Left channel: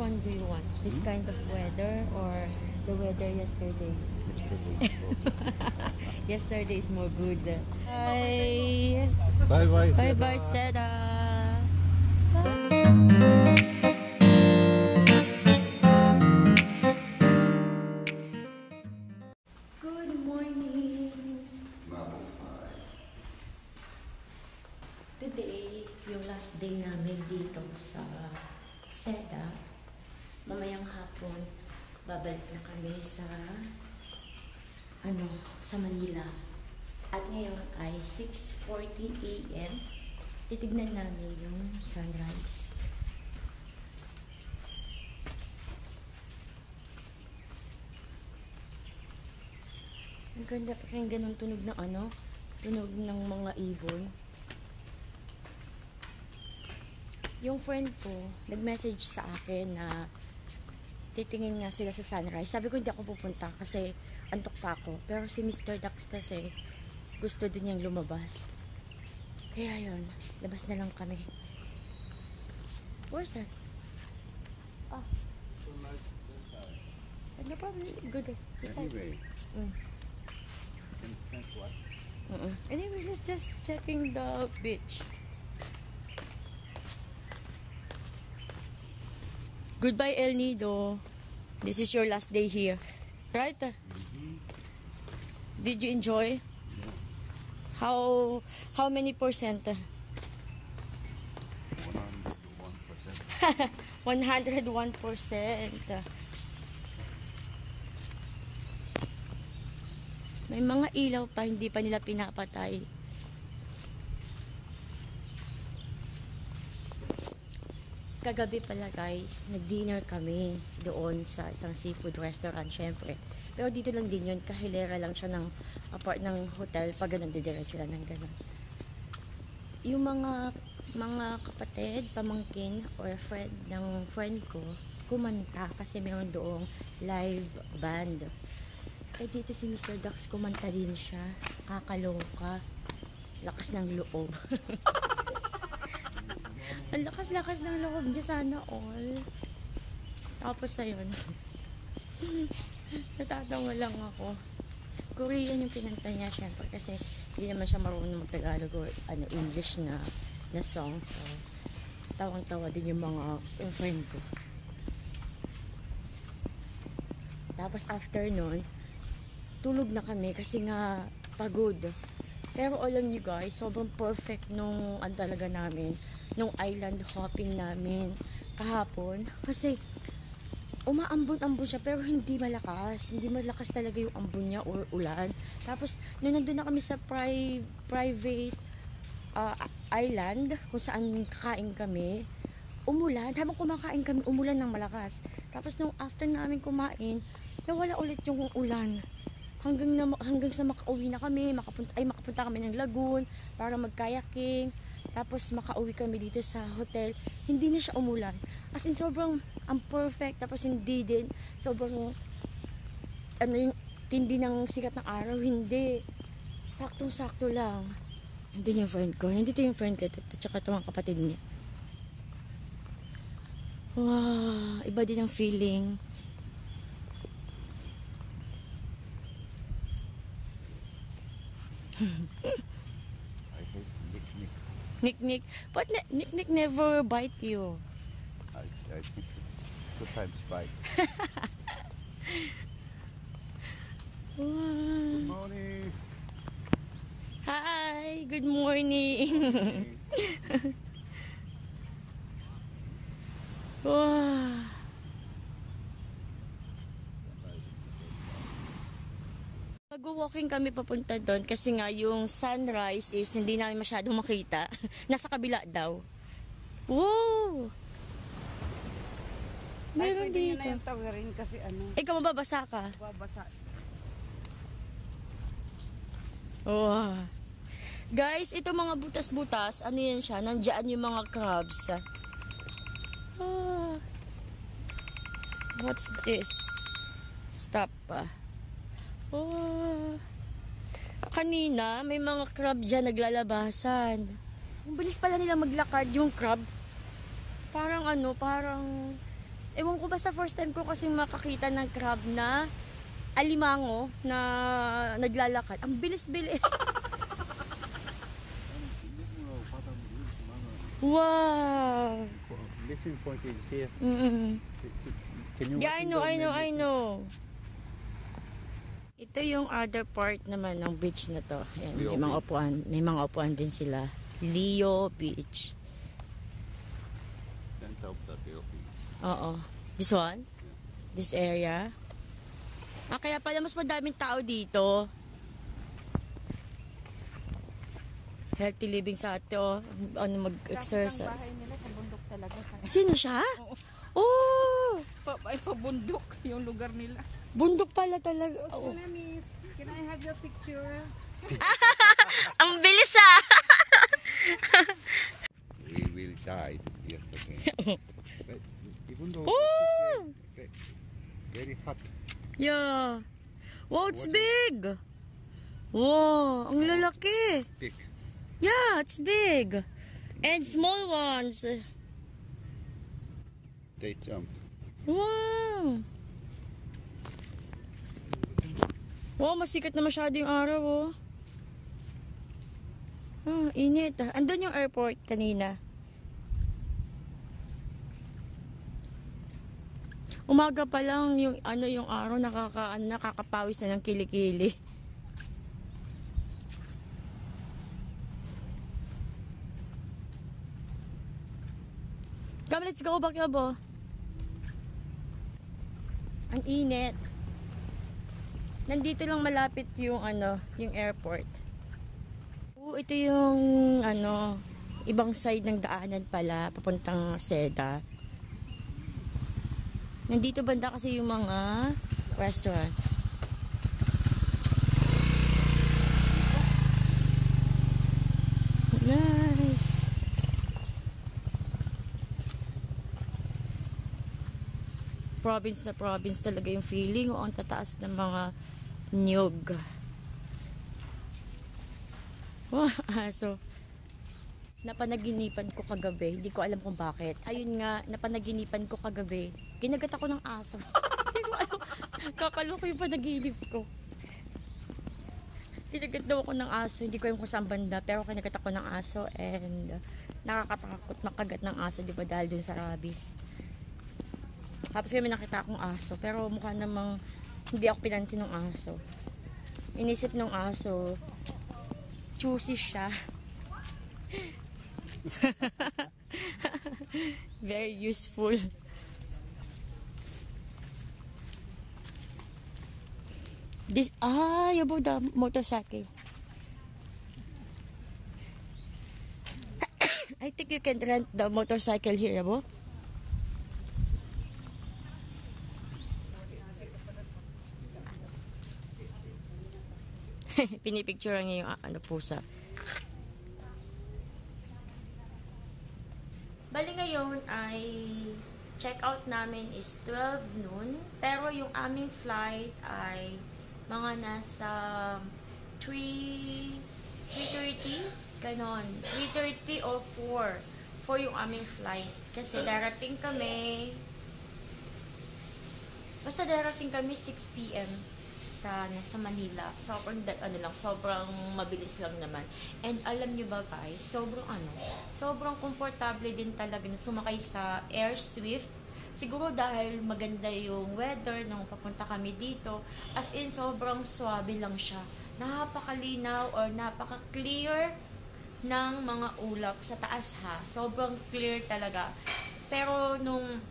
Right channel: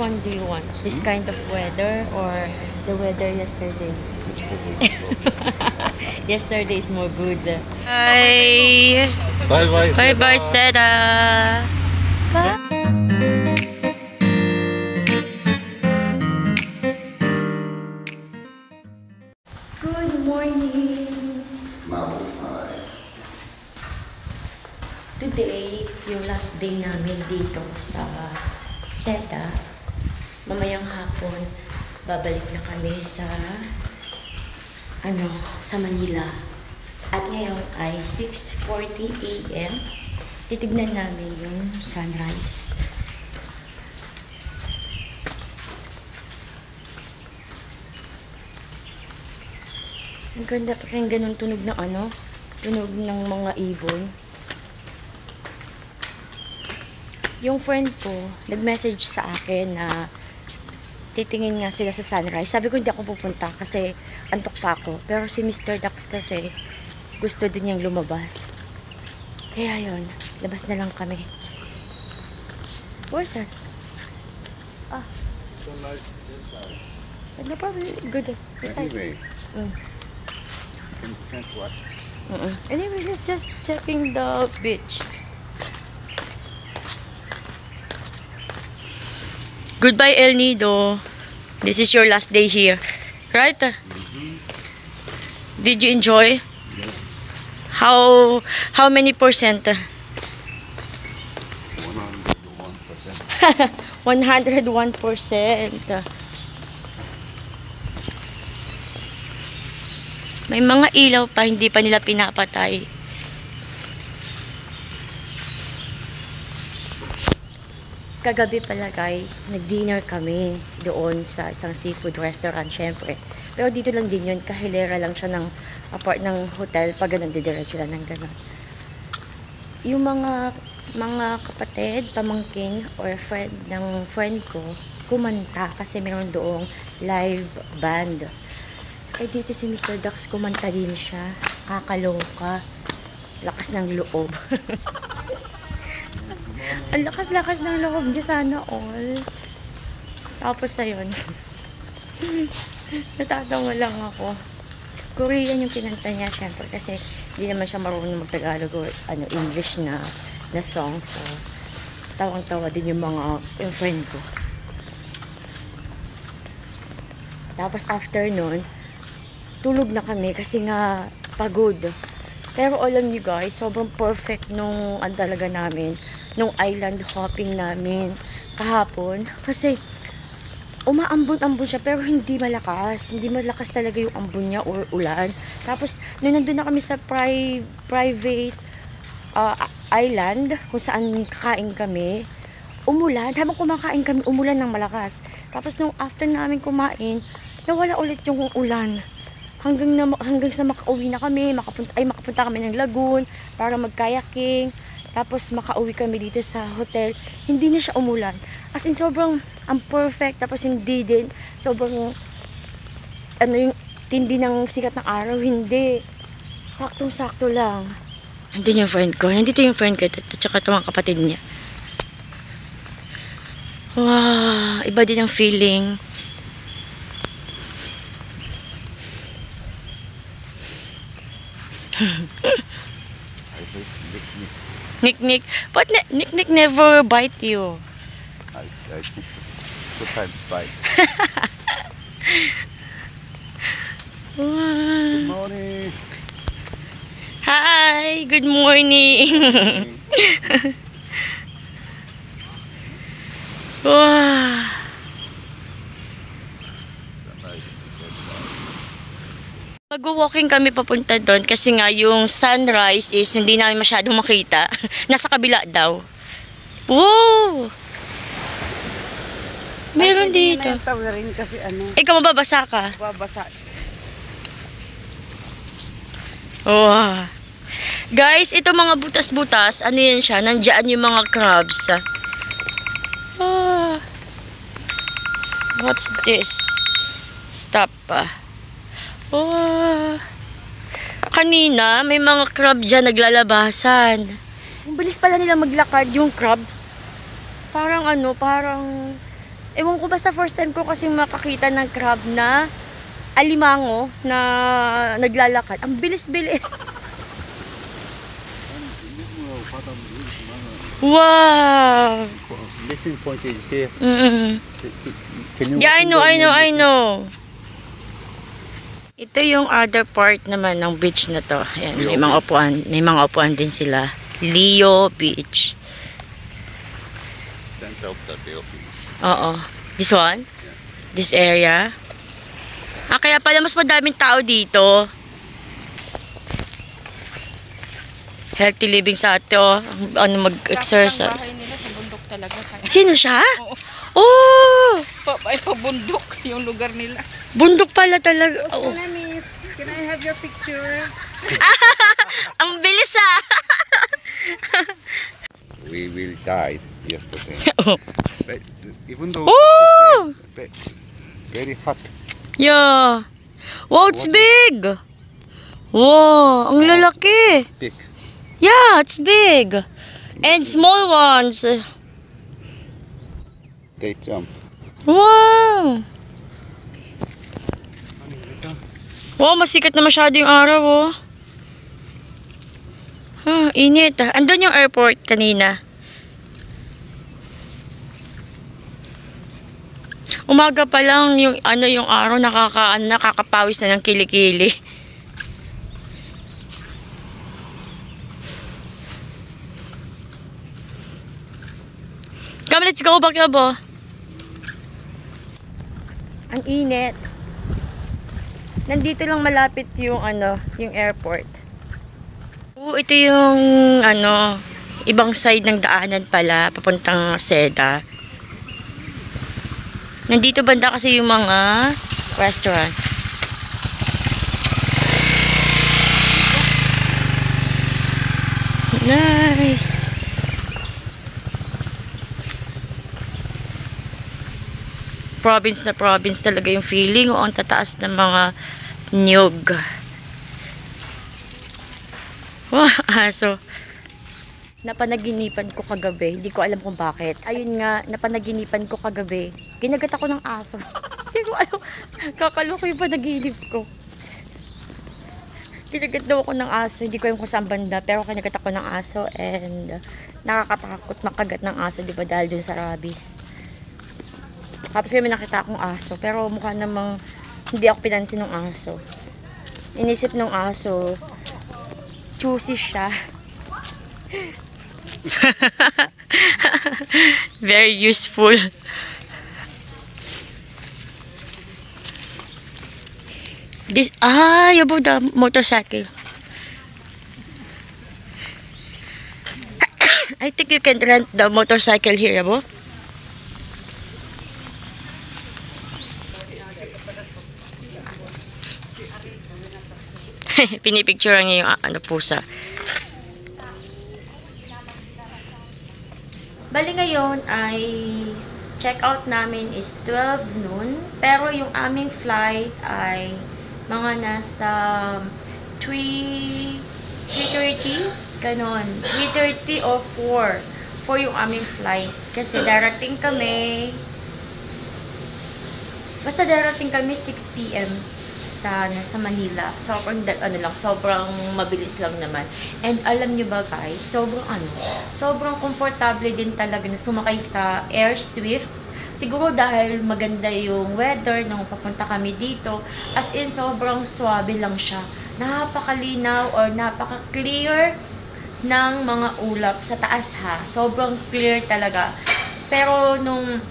one do you want? This kind of weather or the weather yesterday? Yesterday is more good. Bye. Bye bye. Bye bye, Seda. Bye. Good morning. Today, yung last day namin dito sa Seda. Mamayang hapon, babalik na kami sa sa Manila. At ngayon ay 6:40 AM. Titignan namin yung sunrise. Ang ganda pa rin ganun tunog ng tunog ng mga ibon. Yung friend ko, nag-message sa akin na titingin nga sila sa sunrise. Sabi ko hindi ako pupunta kasi antok pa ako. Pero si Mr. Dax kasi gusto din niyang lumabas. Kaya yun, labas na lang kami. Where's that? Ah. So nice inside. No, probably good. Anyway, can't watch. Anyway, let's just checking the beach. Goodbye, El Nido. This is your last day here, right? Did you enjoy? Yeah. How many percent? 101%. 101%. May mga ilaw pa, hindi pa nila pinapatay. Kagabi pala guys, nag-dinner kami doon sa isang seafood restaurant syempre. Pero dito lang din yun, kahilera lang siya ng hotel, pag ganun didiretso lang ng ganun. Yung mga kapatid, pamangking or friend ng friend ko, kumanta kasi meron doong live band. Eh dito si Mr. Dax kumanta din siya, kakaloka, lakas ng loob. Ang lakas-lakas ng loob niya, sana all. Tapos ayun. Natatawa lang ako. Korean yung kinanta niya, syempre, kasi hindi naman siya marunong mag-Tagalog o English na song. So, tawang-tawa din yung yung friend ko. Tapos after nun, tulog na kami kasi nga pagod. Pero alam niyo guys, sobrang perfect nung talaga namin, nung island hopping namin kahapon. Kasi umaambon-ambon siya pero hindi malakas. Hindi malakas talaga yung ambon niya or ulan. Tapos nung nandun na kami sa private island kung saan kakain kami, umulan. Habang kumakain kami, umulan ng malakas. Tapos nung after namin kumain, nawala ulit yung ulan. Hanggang sa makauwi na kami, makapunta kami ng lagoon para mag-kayaking. Tapos makauwi kami dito sa hotel, hindi na siya umulan. As in sobrang perfect, tapos hindi din sobrang yung tindi ng sikat ng araw, hindi. Saktong-sakto lang. Nandito yung friend ko, at saka ito mga kapatid niya. Wow, iba din ang feeling. Nick, but Nick never bite you. I two times bite. Good morning. Hi, good morning. Wow. Mag-walking kami papunta doon kasi nga yung sunrise is hindi namin masyadong makita. Nasa kabila daw. Wow! Meron dito. Rin kasi Ikaw mababasa ka? babasa. Wow. Guys, ito mga butas-butas, ano yan siya? Nandiyan yung mga crabs. What's this? Stop pa. Oh. Kanina, may mga crab dyan naglalabasan. Ang bilis pala nila maglakad yung crab. Parang parang, ewan Ewan ko, basta first time ko kasi makakita ng crab na alimango na naglalakad. Ang bilis-bilis. Wow! Missing point is here. Can you Yeah, I know. Ito yung other part naman ng beach na to. Ayan, may mga upuan din sila. Leo Beach. Center of the Philippines. Oo. This one? This area? Kaya pala mas madaming tao dito. Healthy living sa ato. Ano, mag-exercise. Bahay nila sa bundok talaga. Sino siya? Oo. Oh! Ay, pabundok yung lugar nila. Bundok pala talaga. Oh. Miss, can I have your picture? Ang bilis ah! We will die yesterday. But even though Oh! very hot. Yeah. Wow, it's big. Wow, ang lalaki. Big. Yeah, it's big. And small ones. They jump. Wow. Wow, masikat na masyado yung araw, oh. Init. Andun yung airport kanina. Umaga pa lang yung yung araw nakakapawis na ng kilikili. Come, let's go back, Labo. Ang init. Nandito lang malapit yung yung airport. Ito yung ibang side ng daanan pala papuntang Seda. Nandito banda kasi yung mga restaurant. Nice. Province na province talaga yung feeling. Ang tataas ng mga niyog. Wow, aso. Napanaginipan ko kagabi. Hindi ko alam kung bakit. Ayun nga, napanaginipan ko kagabi. Ginagat ako ng aso. Hindi ko alam. Kakaloka yung panaginip ko. Ginagat daw ako ng aso. Hindi ko alam kung saan banda. Pero kinagat ako ng aso. And nakakatakot makagat ng aso. Diba dahil dun sa rabies. Tapos kami nakita akong aso. Pero mukha namang hindi ako pinansin ng aso. Inisip ng aso, choosy siya. Very useful. This, about the motorcycle. I think you can rent the motorcycle here, abo. Pinipicture niya yung pusa. Bali ngayon ay check out namin is 12 noon. Pero yung aming flight ay mga nasa 3:30 ganon. 3:30 o 4 yung aming flight. Kasi darating kami darating kami 6 PM sa Manila. Sobrang mabilis lang naman. And alam nyo ba guys, sobrang komportable din talaga na sumakay sa Air Swift. Siguro dahil maganda yung weather nung papunta kami dito. As in, sobrang swabe lang siya. Napakalinaw or napaka-clear ng mga ulap sa taas ha. Sobrang clear talaga. Pero nung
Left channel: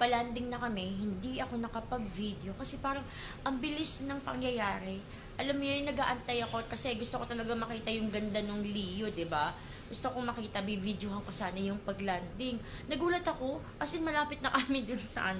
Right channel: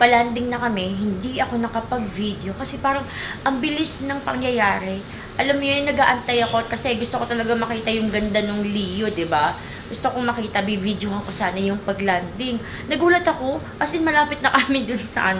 palanding na kami, hindi ako nakapag-video kasi parang ang bilis ng pangyayari. Alam mo yun, nag-aantay ako kasi gusto ko talaga makita yung ganda ng Leo, 'di ba? Gusto kong makita, bi-videohan ko sana yung paglanding. Nagulat ako, as in malapit na kami dun sa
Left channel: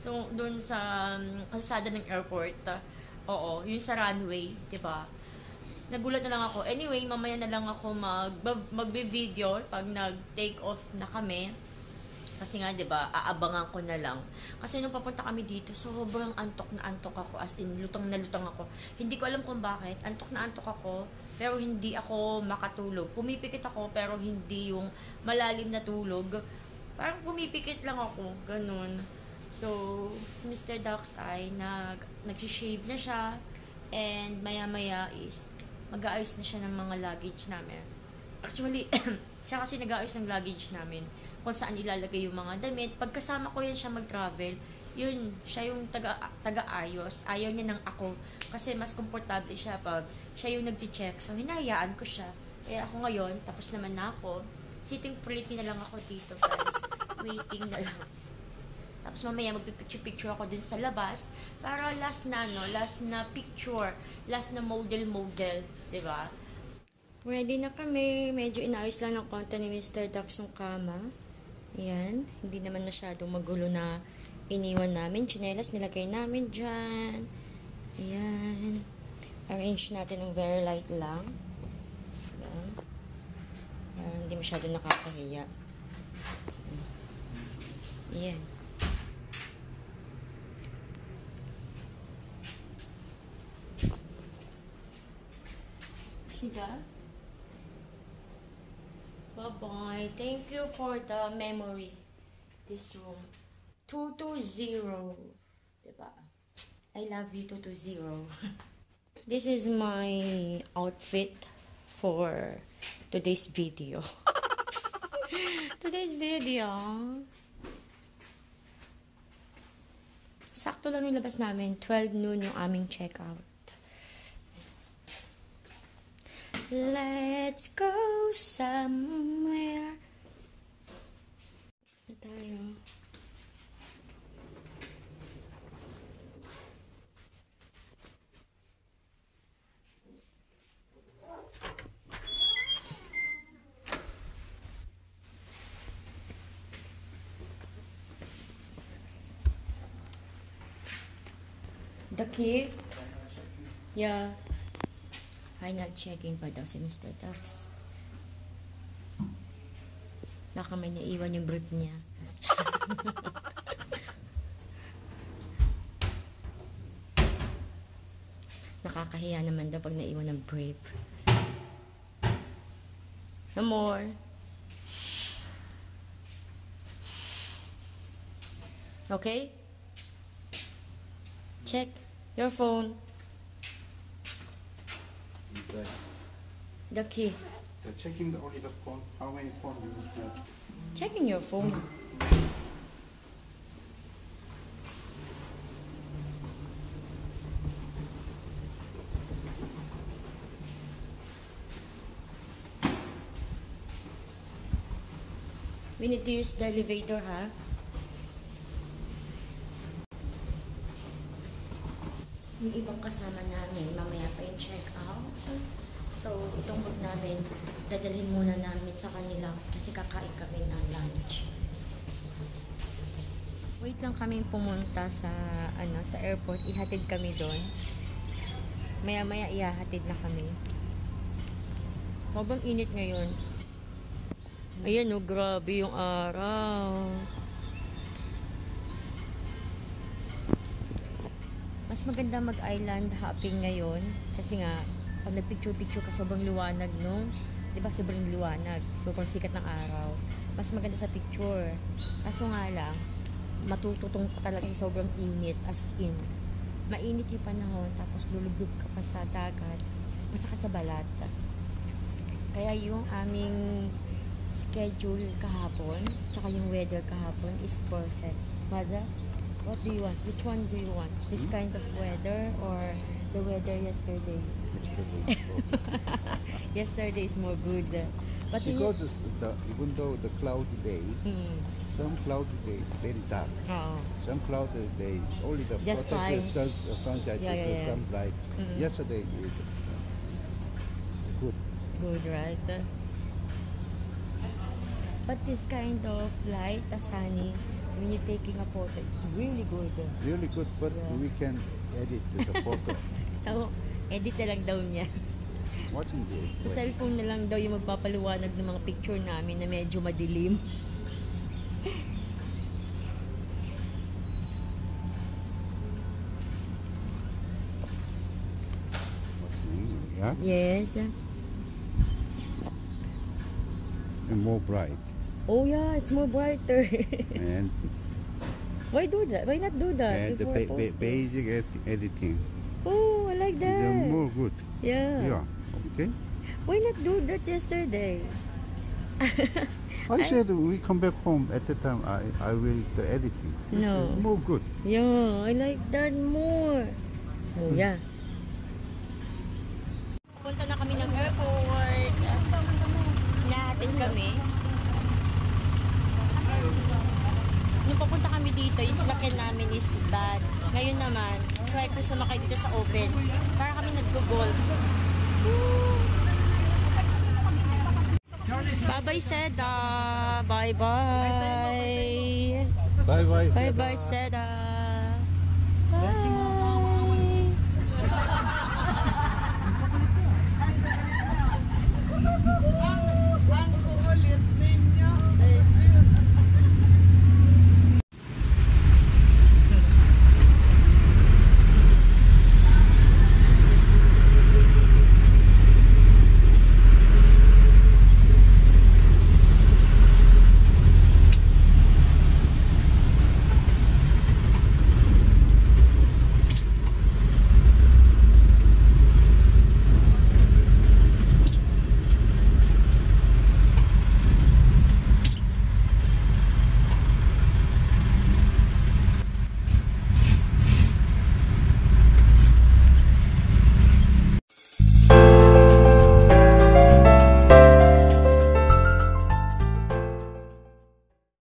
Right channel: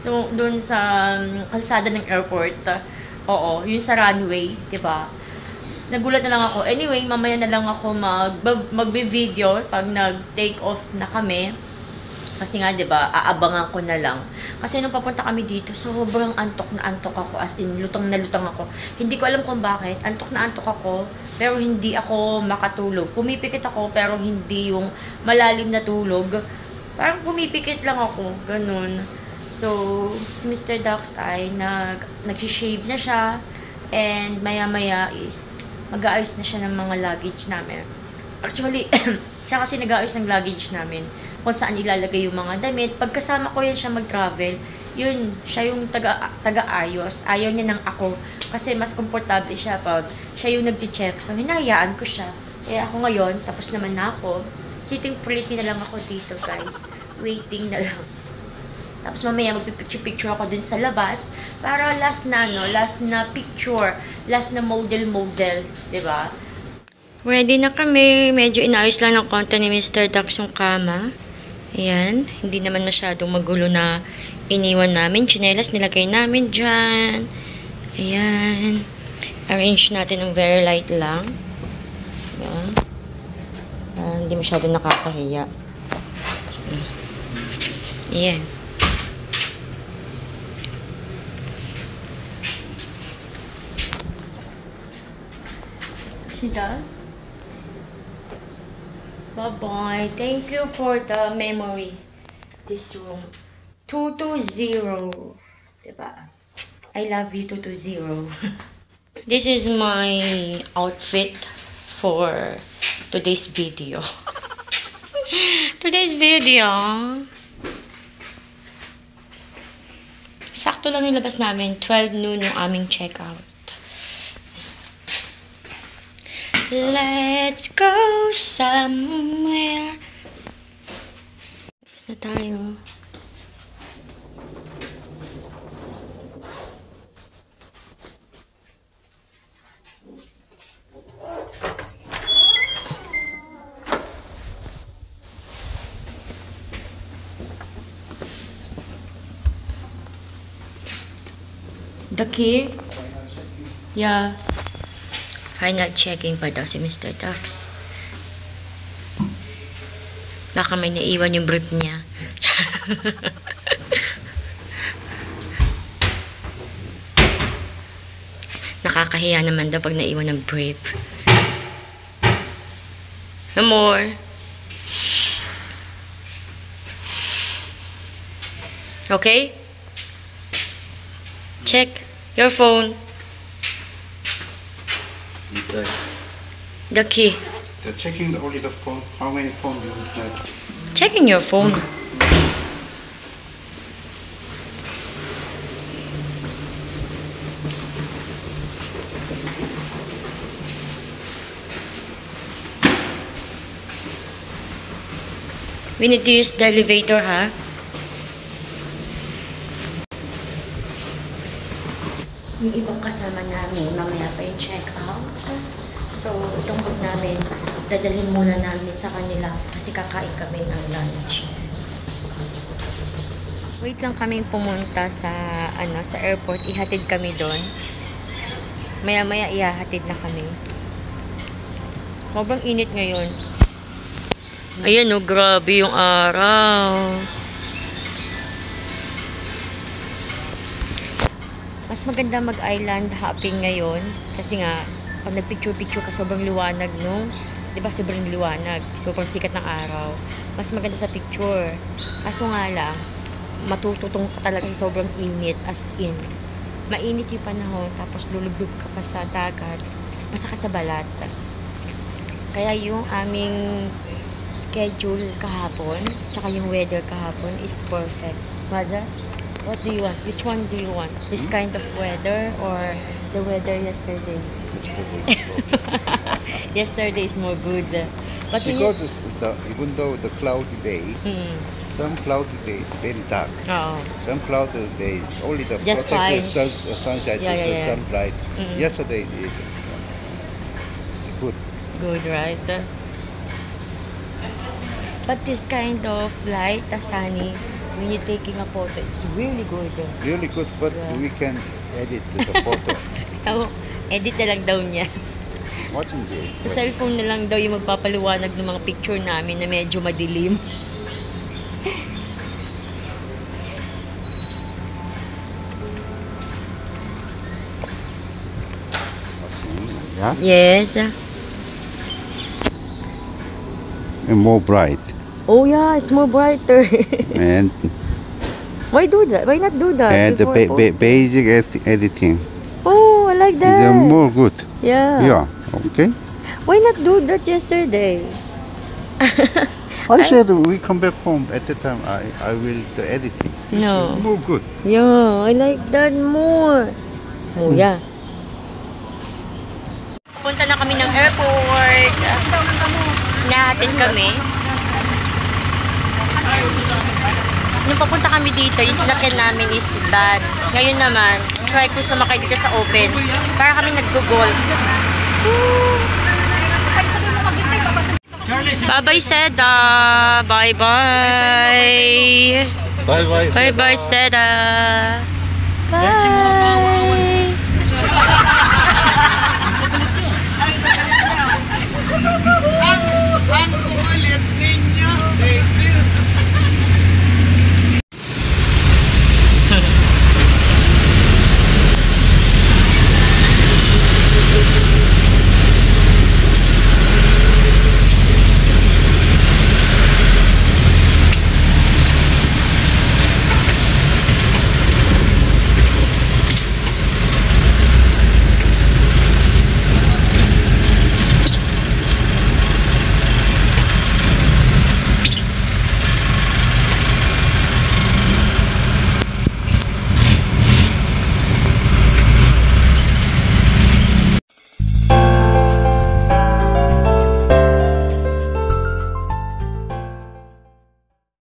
so dun sa kalsada ng airport. Oo, yung sa runway, 'di ba? Nagulat na lang ako. Anyway, mamaya na lang ako magbe-video pag nag-take off na kami. Kasi nga, 'di ba, aabangan ko na lang. Kasi nung papunta kami dito, sobrang antok na antok ako. As in, lutang na lutang ako. Hindi ko alam kung bakit. Antok na antok ako, pero hindi ako makatulog. Pumipikit ako, pero hindi yung malalim na tulog. Parang pumipikit lang ako. Ganun. So, si Mr. Dax ay nag-shave na siya, and maya-maya is mag-aayos na siya ng mga luggage namin. Actually, siya kasi nag-aayos ng luggage namin, kung saan ilalagay yung mga damit. Pagkasama ko yan siya mag-travel, yun, siya yung taga-ayos. Ayaw niya ng ako, kasi mas komportable siya pag siya yung nag-check. So, hinahayaan ko siya. Kaya ako ngayon, tapos naman na ako. Sitting pretty na lang ako dito, guys. Waiting na lang. Tapos mamaya magpipicture-picture ako dun sa labas para last na picture, last na model, 'di ba? Ready na kami. Medyo inaayos lang ng konti ni Mr. Dax yung kama. Ayan, hindi naman masyadong magulo na iniwan namin. Tsinelas nilagay namin dyan. Ayan. Arrange natin ng very light lang. Ayan. Hindi masyadong nakakahiya. Ayan. See that? Bye-bye. Thank you for the memory. This room. 220. Diba? I love you, 220. This is my outfit for today's video. Today's video. Sakto lang yung labas namin. 12 noon yung aming checkout. Let's go somewhere. Tapos na tayo. The key? Yeah. Final checking pa daw si Mr. Dax. Baka may naiwan yung brief niya. Nakakahiya naman daw pag naiwan ng brief. No more. Okay? Check your phone. The key. They're checking only the phone. How many phones do you have? Checking your phone. We need to use the elevator, ha? Yung ibang kasama namin, mamaya pa yung check out. So, itong bag namin, dadalhin muna namin sa kanila kasi kakain kami ng lunch. Wait lang kami pumunta sa sa airport, ihatid kami doon. Maya-maya ihahatid na kami. Sobrang init ngayon. Ayan oh, grabe yung araw. Mas maganda mag-island hopping ngayon kasi nga pag nagpicture-picture ka sobrang liwanag, no? 'Di ba sobrang liwanag, sobrang sikat ng araw. Mas maganda sa picture. Kaso nga lang, matututong ka talaga sa sobrang init, as in. Mainit yung panahon, tapos lulubog ka pa sa dagat, masakit sa balat. Kaya yung aming schedule kahapon, tsaka yung weather kahapon is perfect. Maza? What do you want? Which one do you want? This kind of weather or the weather yesterday? Yesterday is more good. But Because even though the cloudy day, some cloudy days very dark. Oo. Some cloudy days only the Just protected sunshine, Yeah, the yeah. sun bright. Yesterday is good. Good, right? But this kind of light, sunny, when you're taking a photo, it's really good. Really good, but Yeah. we can edit the photo. Oh, edit na lang daw niya. Watching this. Sa cellphone na lang daw yung magpapaliwanag ng mga picture namin na medyo madilim. Yeah? Yes. And more bright. Oh yeah, it's more brighter. And Why do that? Why not do that And the before posting? basic editing. Oh, I like that. They're more good. Yeah. Yeah. Okay. Why not do that yesterday? I said we come back home at the time. I will the editing. No. It's more good. Yeah, I like that more. Oh, yeah. Punta na kami ng airport. Nahatin kami. Nung papunta kami dito, yung sinakyan namin is bad. Ngayon naman, try ko sumakay dito sa open. Para kami nag-golf. Bye-bye, Seda. Bye-bye. Bye bye. Bye-bye, Seda. Bye.